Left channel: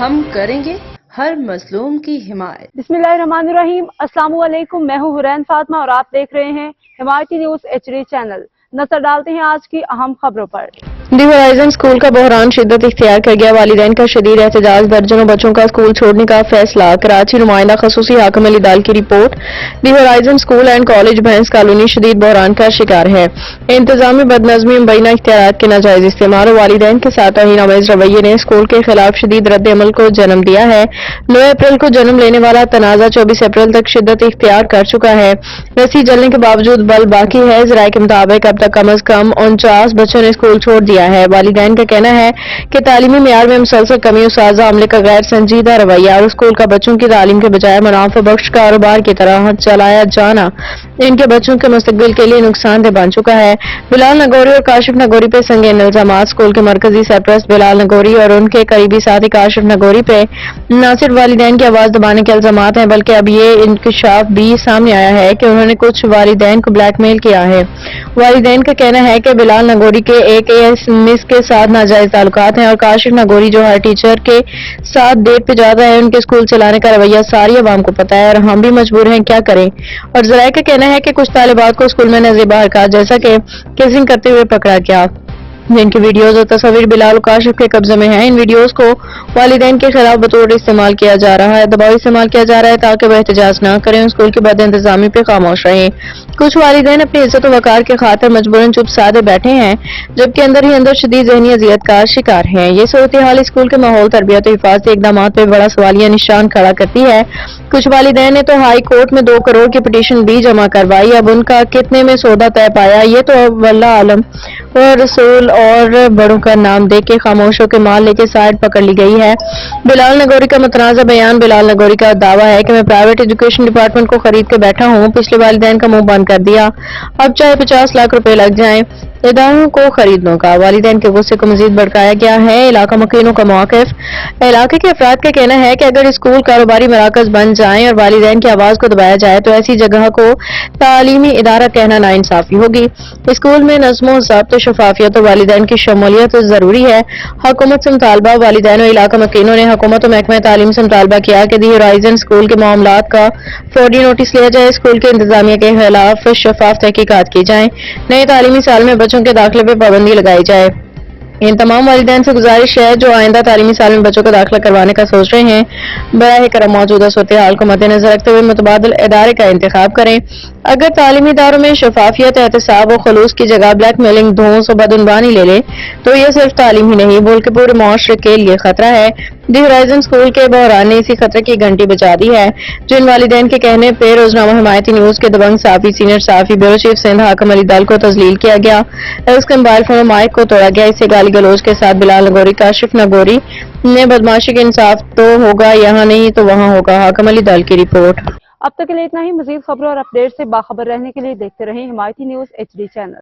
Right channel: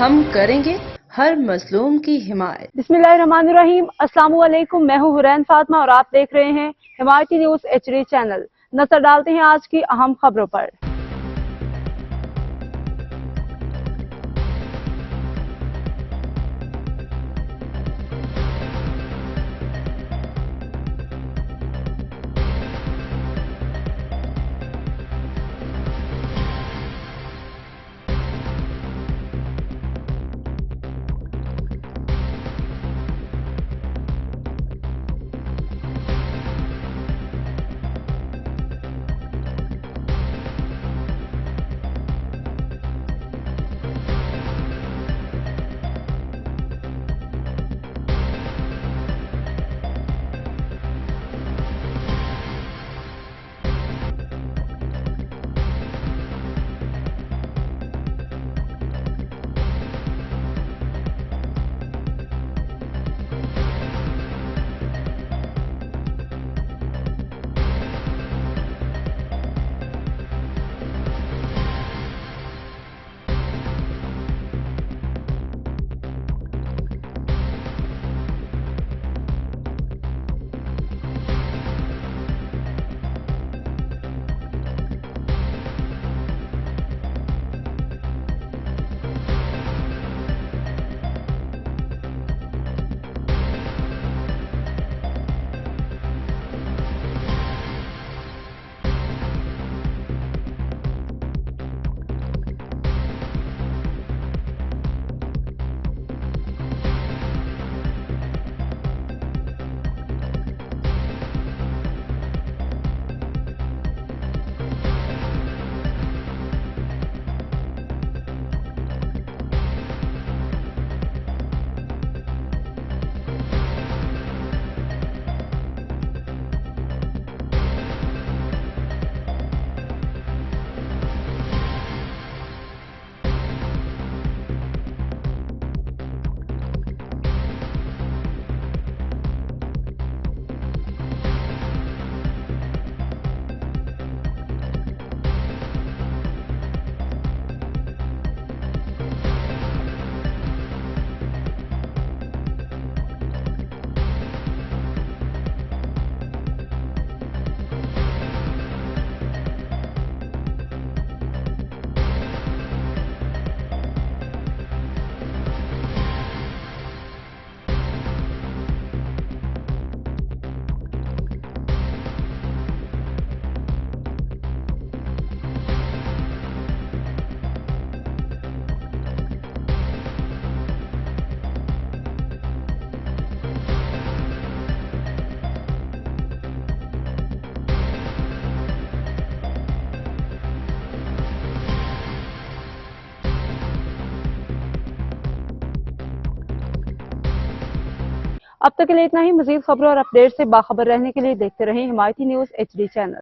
ہم کریں گے ہر مظلوم کی حمایت۔ بسم اللہ الرحمن الرحیم۔ السلام علیکم، میں ہوں حرین فاطمہ اور آپ دیکھ رہے ہیں حمایتی نیوز HD چینل۔ نظر ڈالتے ہیں آج کی اہم خبروں پر۔ دی ہورائزن اسکول کا بحران شدت اختیار کر گیا، والدین کا شدید احتجاج، درجنوں بچوں کا اسکول چھوڑنے کا فیصلہ۔ کراچی نمائندہ خصوصی حاکم علی دال کی report. The horizon school and college بھینس کالونی شدید بحران کا شکار ہے۔ انتظامی بدنظمی، مبینہ اختیارات کے ناجائز استعمال اور والدین کے ساتھ توہین آمیز رویے نے اسکول کے خلاف شدید رد عمل کو جنم دیا ہے۔ 9 اپریل کو جنم لینے والا تنازع 24 اپریل تک شدت اختیار کر چکا ہے۔ رسی جلنے کے باوجود بل باقی ہے۔ ذرائع کے مطابق اب تک کم از کم 49 بچوں نے اسکول چھوڑ دیا ہے۔ والدین کا کہنا ہے کہ تعلیمی معیار میں مسلسل کمی، اساتذہ عملے کا غیر سنجیدہ رویہ اور اسکول کا بچوں کی تعلیم کے بجائے منافع بخش کاروبار کی طرح چلایا جانا ان کے بچوں کے مستقبل کے لیے نقصان دہ بن چکا ہے۔ بلال نگوری اور کاشف نگوری پہ سنگین الزامات۔ اسکول کے مرکزی سرپرست بلال نگوری اور ان کے قریبی ساتھی کاشف نگوری پہ نہ صرف والدین کی آواز دبانے کے الزامات ہیں بلکہ اب یہ انکشاف بھی سامنے آیا ہے کہ انہوں نے کچھ والدین کو بلیک میل کیا ہے۔ والدین کا کہنا ہے کہ بلال نگوری کے ایک مس کے ساتھ ناجائز تعلقات ہیں اور کاشف نگوری جو ہر ٹیچر کے ساتھ ڈیٹ پہ جاتا ہے، ان کے اسکول چلانے کا رویہ ساری عوام کو پتہ ہے اور ہم بھی مجبور ہیں، کیا کریں۔ اور ذرائع کا کہنا ہے کہ کچھ طالبات کو اسکول میں نظر باہر کا جیسا کہ کیسنگ کرتے ہوئے پکڑا گیا، جن کی ویڈیوز اور تصاویر بلال و کاشف کے قبضے میں ہیں۔ ان ویڈیوز کو والدین کے خلاف بطور استعمال کیا جا رہا ہے، دباؤ استعمال کیا جا رہا ہے تاکہ وہ احتجاج نہ کریں، اسکول کی بد انتظامی پہ خاموش رہیں۔ کچھ والدین اپنی عزت و وقار کے خاطر مجبوراً چپ سادے بیٹھے ہیں، جبکہ اندر ہی اندر شدید ذہنی اذیت کا شکار ہیں۔ یہ صورتحال اسکول کے ماحول، تربیت و حفاظتی اقدامات پہ بڑا سوالیہ نشان کھڑا کرتی ہے۔ کچھ والدین نے تو ہائی کورٹ میں 2 کروڑ کی پٹیشن بھی جمع کروائی، اب ان کا کتنے میں سودا طے پایا یہ تو واللہ عالم۔ اور رسول اور بڑوں کا نام دے کے خاموشوں کے مال لے کے سائڈ پکڑ لی گئی ہے۔ بلال نگوری کا متنازع بیان۔ بلال نگوری کا دعویٰ ہے کہ میں پرائیویٹ ایجوکیشن ڈپارٹمنٹ کو خرید کے بیٹھا ہوں، پچھلے والدین کا منہ بند کر دیا، اب چاہے 50 لاکھ روپے لگ جائیں اداروں کو خریدنے کا۔ والدین کے غصے کو مزید بھڑکایا گیا ہے۔ علاقہ مکینوں کا موقف۔ علاقے کے افراد کا کہنا ہے کہ اگر اسکول کاروباری مراکز بن جائیں اور والدین کی آواز کو دبایا جائے تو ایسی جگہ کو تعلیمی ادارہ کہنا ناانصافی ہوگی۔ اسکول میں نظم و ضبط، شفافیت اور والدین کی شمولیت ضروری ہے۔ حکومت سے مطالبہ۔ والدین و علاقہ مکینوں نے حکومت و محکمہ تعلیم سے مطالبہ کیا کہ دی ہورائزن اسکول کے معاملات کا فوری نوٹس لیا جائے، اسکول کے انتظامیہ کے خلاف شفاف تحقیقات کی جائیں، نئے تعلیمی سال میں بچوں کے داخلے پہ پابندی لگائی جائے۔ ان تمام والدین سے گزارش ہے جو آئندہ تعلیمی سال میں بچوں کا داخلہ کروانے کا سوچ رہے ہیں، براہ کرم موجودہ صورتحال کو مد نظر رکھتے ہوئے متبادل ادارے کا انتخاب کریں۔ اگر تعلیمی اداروں میں شفافیت، احتساب و خلوص کی جگہ بلیک میلنگ، دھونس و بدعنوانی لے لے تو یہ صرف تعلیم ہی نہیں بلکہ پورے معاشرے کے لیے خطرہ ہے۔ دی ہورائزن اسکول کے بحران نے اسی خطرے کی گھنٹی بجا دی ہے۔ جن والدین کے کہنے پہ روزنامہ حمایتی نیوز کے دبنگ صحافی، سینئر صحافی، بیورو چیف سندھ حاکم علی دال کو تذلیل کیا گیا، اس کے موبائل فون اور مائک کو توڑا گیا، اس سے گالی گلوچ کے ساتھ بلال نگوری، کاشف نگوری نے بدماشی کے انصاف تو ہوگا، یہاں نہیں تو وہاں ہوگا۔ حاکم علی دال کی رپورٹ۔ اب تک کے لیے اتنا ہی۔ مزید خبروں اور اپڈیٹ سے باخبر رہنے کے لیے دیکھتے رہیں حمایتی نیوز HD چینل۔